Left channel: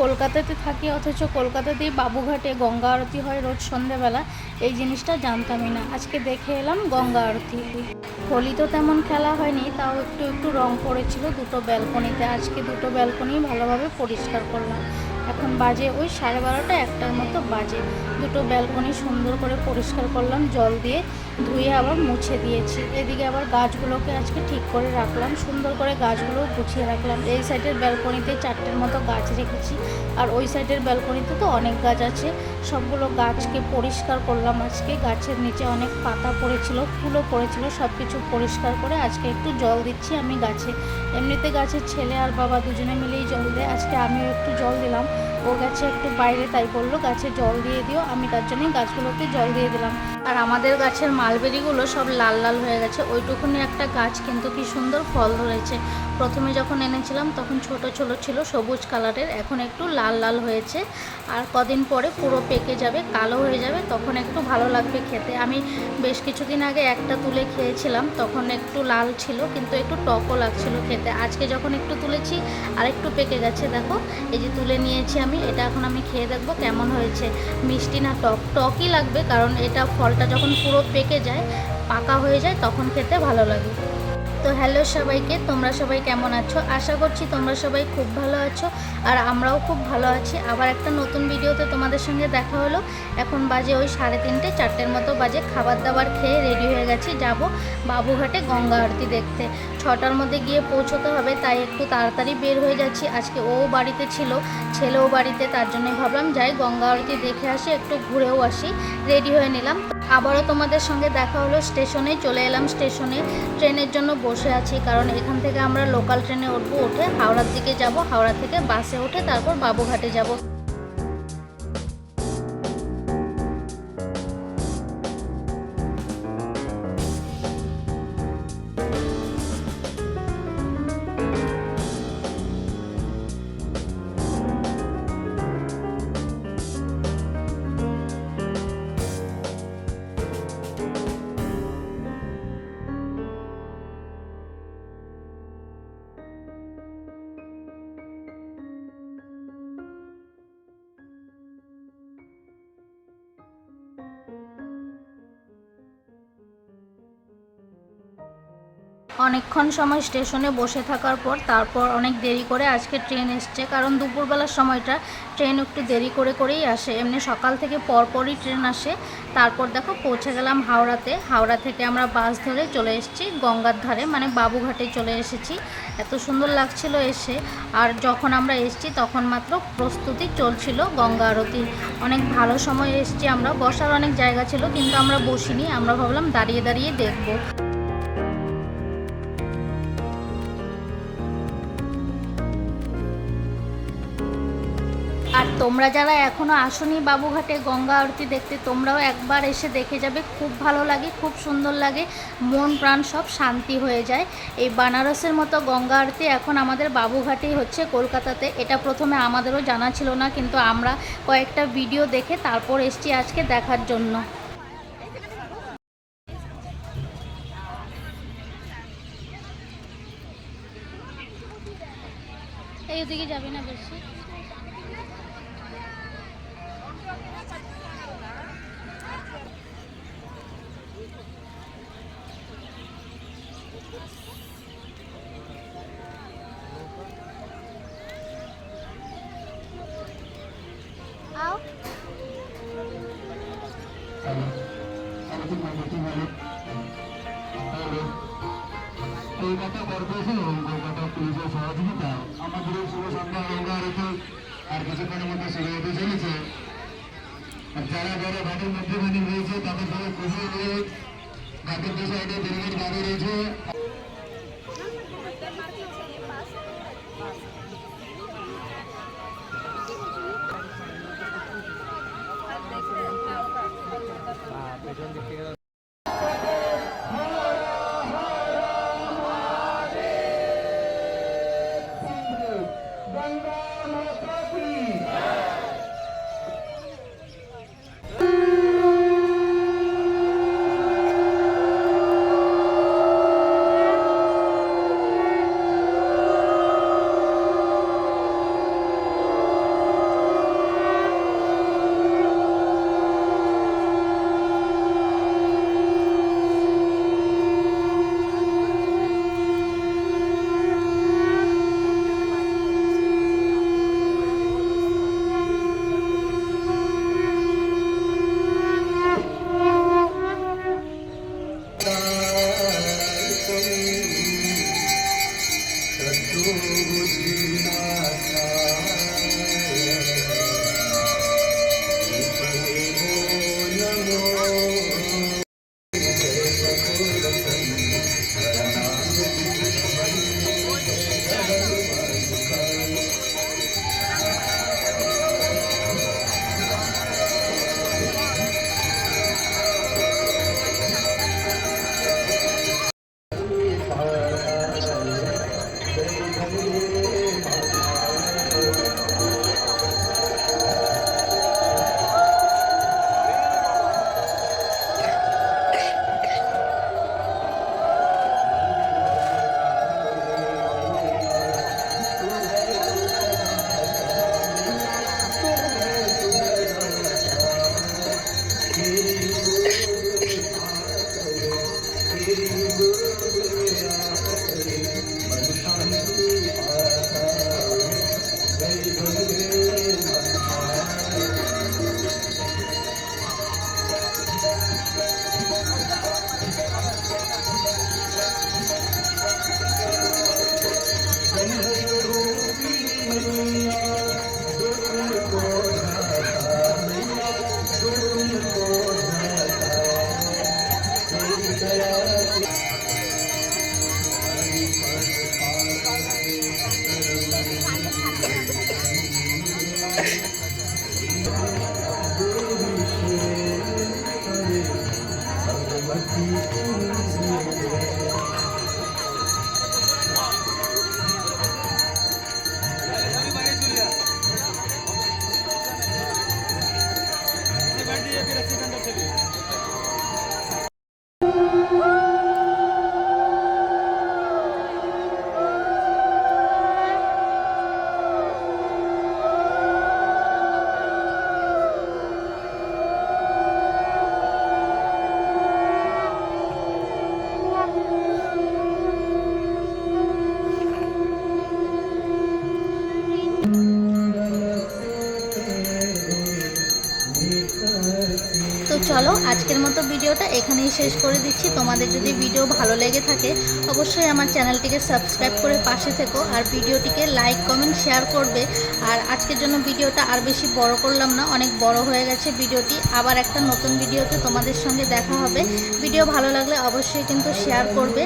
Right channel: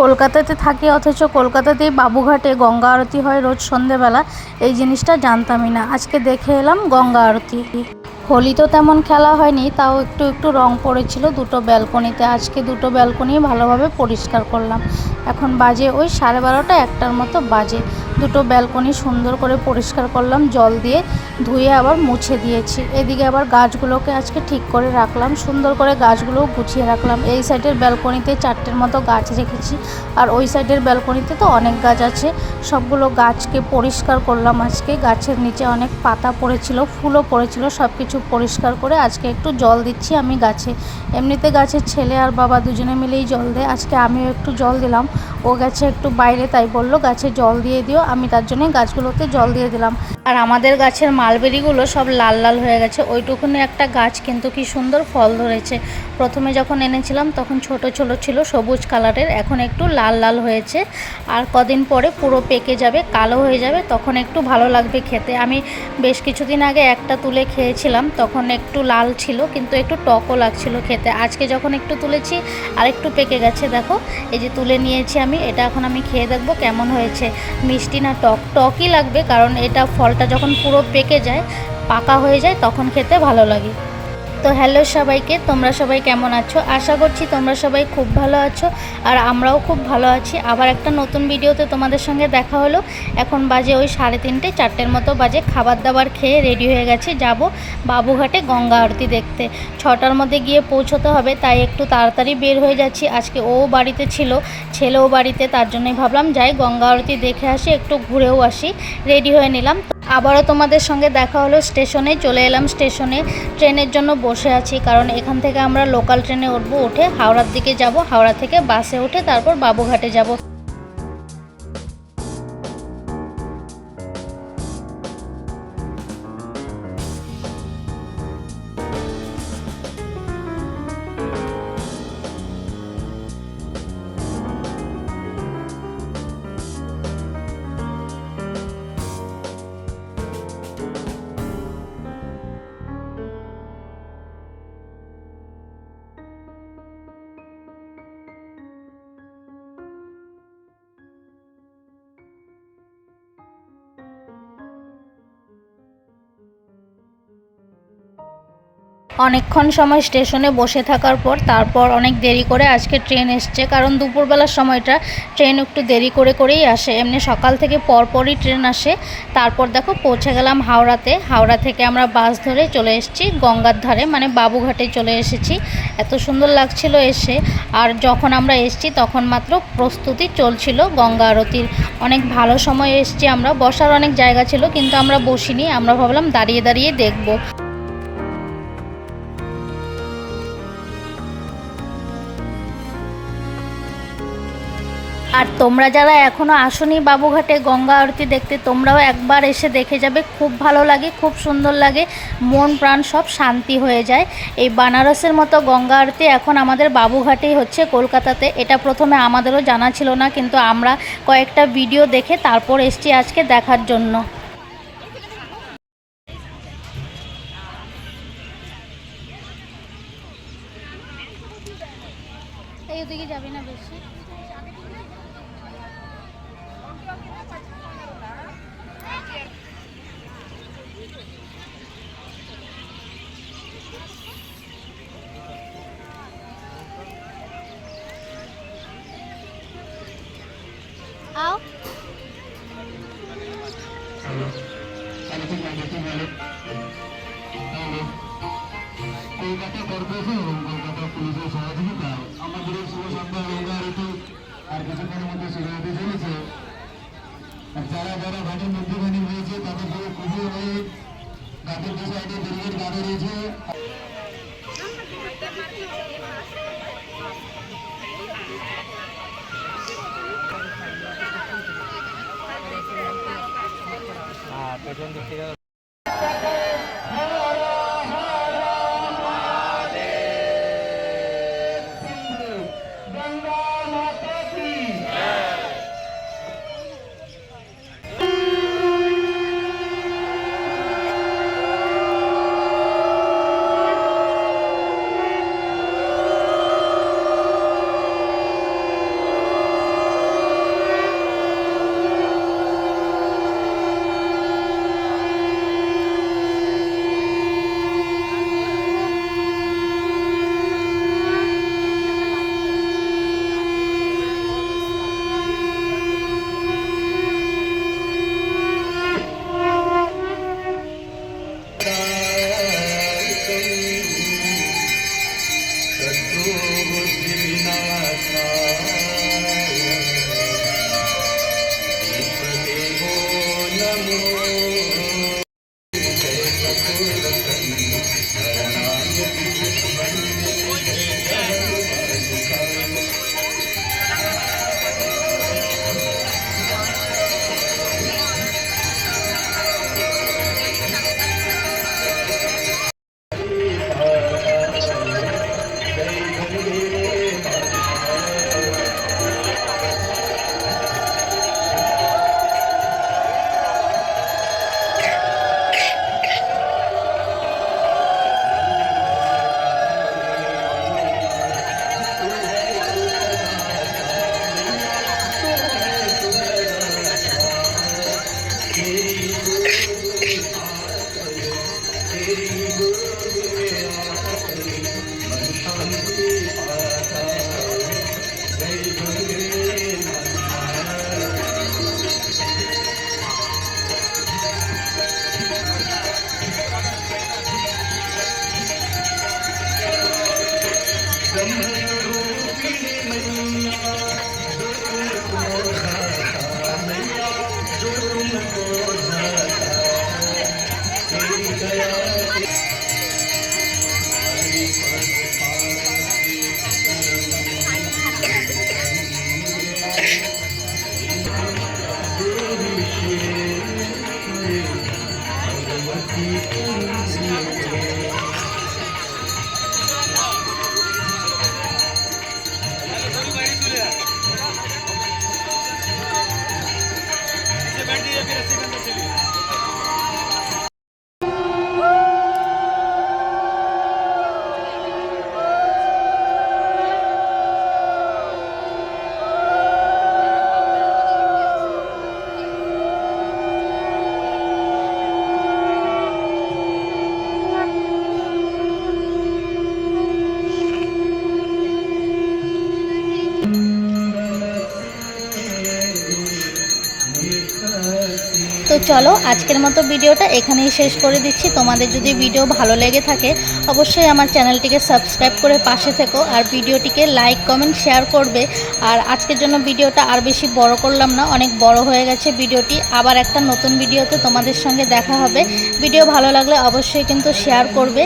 কলকাতাতে থাকি অথচ কলকাতাতেই বাবুঘাটে গঙ্গা আরতি হয় রোজ সন্ধেবেলা, এই জিনিসটা জানতামই না। আজকে দেখে এলাম গঙ্গা আরতি। হোলি তো তেমন খেলা হয়নি, তাও একটু একটু রং পড়েছিল দুটো ব্যালকনিতে। আজকে দুটো ব্যালকনি ভালোভাবে পরিষ্কার করলাম। এখন বাজে ওই 12:30 একটার মতো বাজে। দুটো ব্যালকনি সুন্দর করে পরিষ্কার করলাম, জল দিয়ে ধুয়ে আবার মুছে দিয়েছি। এদিকে আবার গাছগুলোকে আজকে ঠিক করে রাখলাম, সুন্দর করে গাছগুলোও গুছিয়ে রাখলাম। এই সাইডের ব্যালকনিতে 4টের মতো গাছ রেখেছি, আর ওই সাইডের ব্যালকনিতে তো অনেক গাছ আছে। সবগুলো গাছকে পরিষ্কার করলাম আজকে। গাছের নিচে অনেক পাতা পড়েছিল, ফুলও পড়েছিল, সব কিছু পরিষ্কার করে আজকে একটু জল দিচ্ছি আমি গাছে। এমনিতে গাছের ছেলে আর বাবা দুজনে মিলেই জল দেয়, আজকে আমিও একটু জল দিলাম। ও গেছে একটু বাইরে, তাই বললো গাছে জল দিয়ে দিও, আমি তার জন্য গাছগুলোতে জল দিয়ে দিলাম। আর আমাদের গাছের মালবেরিগুলো সব লাল লাল হয়ে গেছে। ওইটুকুনি একটা গাছ কিন্তু কি সুন্দর ফল ধরেছে। প্রথমে যখন এনেছিলাম তখন ছোট ছোট ছিল, সবুজ কালারের, এখন একটু লাল লাল হয়েছে। আর কদিন পরে পুরো পেকে যাবে, কালো হয়ে যাবে, তখন একটু ভালো লাগবে খেতে। আমি বেশ কিছুদিন আগে একটা তুলে খেয়েছিলাম, তখন একটু লাল ছিল কিন্তু একটু টকও লাগছিল খেতে। আজকে যখন একটু তুলেছি আর একটু পেকে গেছে, দেখো এই যে তুলে নিয়েছি আমি। এটা এখন আমি খেয়ে দেখবো কেমন হয়েছে, মিষ্টি না টক। টকই লাগবে, কারণ এটা ফলটা যখন পুরো পেকে যায়, পাকা হয়ে যায়, তখন খেতে ভালো লাগে। তো হ্যালো সবাইকে, তোমরা সবাই কেমন আছো? আশা করছি তোমরা সবাই খুব ভালো আছো, আর আমরাও খুব ভালো আছি। আবার একটা নতুন ভিডিওতে তোমাদের সঙ্গে দেখা হলো। এখন বাজে ওই 3:30 4টের মতো বাজে। খাবার দাবার খেয়ে রেডি হয়ে গেছি, যাব বাবুঘাটে গঙ্গা আরতি দেখতে। 6টার মধ্যে গিয়ে পৌঁছতে হবে, তাই একটু তাড়াতাড়ি বের হয়ে যাচ্ছি। আজকে ও বাড়িতে ছিল, ছেলেও বাড়িতে, তার জন্যই ভাবলাম যাই গঙ্গা আরতি দেখে আসি, একটু ঘুরেও আসি। রেডি হয়ে নিলাম। আবারও তোমাদের সঙ্গে দেখা হলো স্টেশনে। চলে এলাম স্টেশনে, ট্রেনের জন্য বসে আছি, কারণ এখান থেকে আমরা লোকাল ট্রেনে উঠবো, উঠে হাওড়ার দিকে যাব, হাওড়া থেকে বাসে উঠে তারপর বাবুঘাটে যাব। অনেকক্ষণ সময় স্টেশনে বসে থাকার পর তারপর অনেক দেরি করে আজকে ট্রেন এসছে, কারণ দুপুরবেলার সময়টা ট্রেন একটু দেরি করেই আসে। এমনি সকাল থেকে পরপরই ট্রেন আসে। তারপর দেখো পৌঁছে গেলাম হাওড়াতে। হাওড়া থেকে আমরা বাস ধরে চলে এসেছি গঙ্গার ধারে, মানে বাবুঘাটে চলে এসেছি। এত সুন্দর লাগছিল এসে। আর যখন আমরা এসেছি তখন মাত্র প্রস্তুতি চলছিল গঙ্গা আরতির। অনেক ভালো সময় এসেছি আমরা, বসার অনেক জায়গা ছিল কিন্তু আমরা বসিনি, আমরা ভাবলাম দাঁড়িয়ে দাঁড়িয়ে দেখব। আর তোমরা যারা এখনও আসোনি বাবুঘাটে গঙ্গা আরতি দেখতে, তোমরাও একবার এসে দেখে যাবে। খুব ভালো লাগে, খুব সুন্দর লাগে, মন প্রাণ সব শান্তি হয়ে যায়। এই বানারসের মতো গঙ্গা আরতি এখন আমাদের বাবুঘাটেই হচ্ছে, কলকাতাতে। এটা প্রথমে আমাদেরও জানা ছিল না, কিন্তু আমরা কয়েকটা ভিডিও দেখে তারপর এসেছি আজকে দেখার জন্য। এই ওদিকে যাবে না বেশি। आओ কলকাতা কর্পোরেশন এবং কলকাতা পুলিশের সহযোগিতায় আমাদের এই শুভ সন্ধ্যা গঙ্গা আরতি আর কিছুক্ষণের মধ্যে শুরু হতে চলেছে। যারা যারা ঘাটের মধ্যখানে রয়েছে তাদের সঙ্গে খুবই অনুরোধ, ঘাটের দু সাইডে ব্যারিকেড বাঁধা রয়েছে। পেছন দিক থেকে তো চলো আজকের মতো ভিডিওটা এখানেই শেষ করে দিচ্ছি। তোমাদের যদি ভিডিও ভালো লেগে থাকে অবশ্যই আমার চ্যানেলটিকে সাবস্ক্রাইব করে পাশে থেকো, আর ভিডিওটিকে লাইক কমেন্ট শেয়ার করবে। আর আজকের জন্য ভিডিওটা আর বেশি বড় করলাম না, অনেক বড় হয়ে গেছে ভিডিওটি। আবার একটা নতুন ভিডিওতে তোমাদের সঙ্গে দেখা হবে। ভিডিও ভালো লাগলে অবশ্যই কিন্তু শেয়ার করবে।